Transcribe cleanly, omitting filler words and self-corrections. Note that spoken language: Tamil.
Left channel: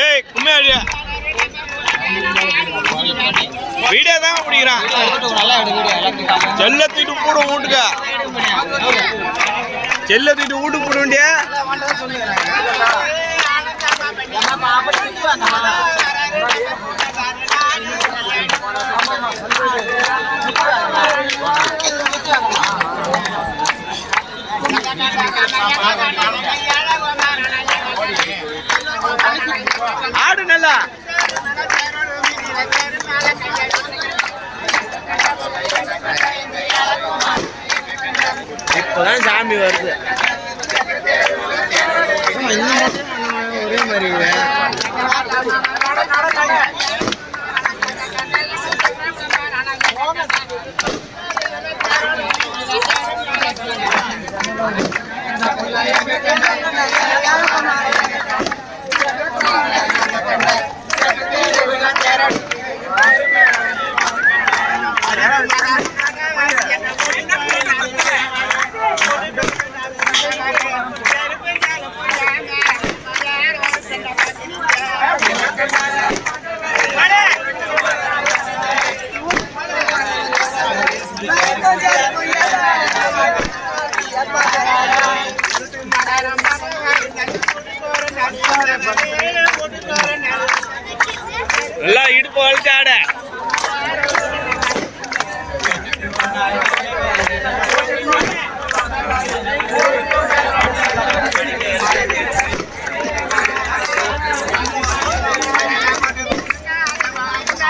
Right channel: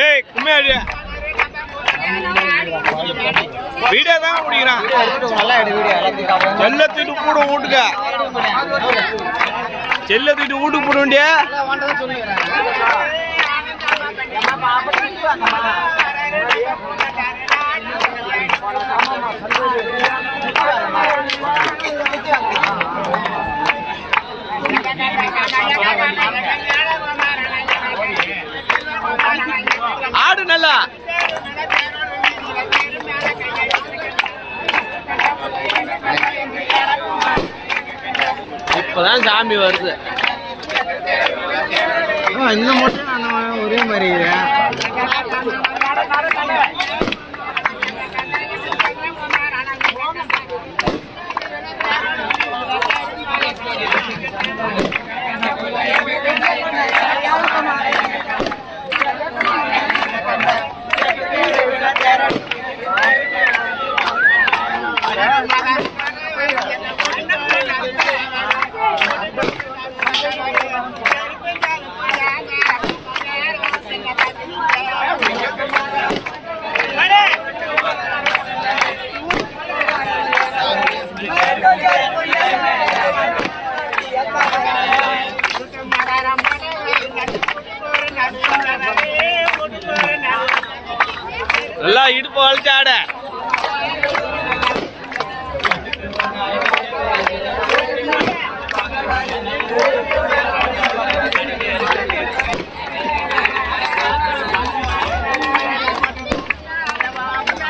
ஏய் கும்மையாடியா வீடியோ தான் பிடிக்கிறான். செல்லத்திட்டு கூட வீட்டுக்க செல்லத்திட்டு வீட்டுக்கு போட வேண்டிய ஆடு நல்லா இப்பதான் சாமி வருது. ஒரே மாதிரி நல்லா இடுப்பு வளர்த்து ஆட